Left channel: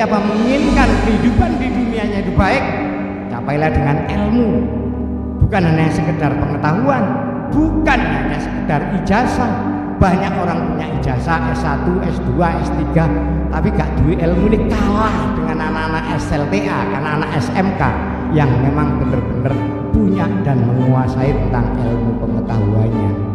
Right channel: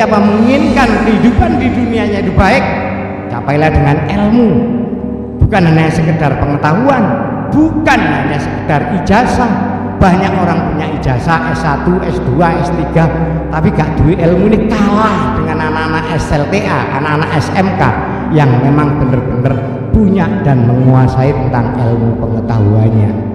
siapa menginginkan kehidupan di dunianya itu baik, capailah dengan ilmu, bukan hanya sekedar pengetahuan, bukan hanya sekedar ijazah. Banyak orang punya ijazah S1, S2, S3 tapi gak duwe ilmu, ini kalah dengan anak-anak SLTA, anak-anak SMK yang memang benar-benar punya dan menguasai tentang ilmu pengetahuannya.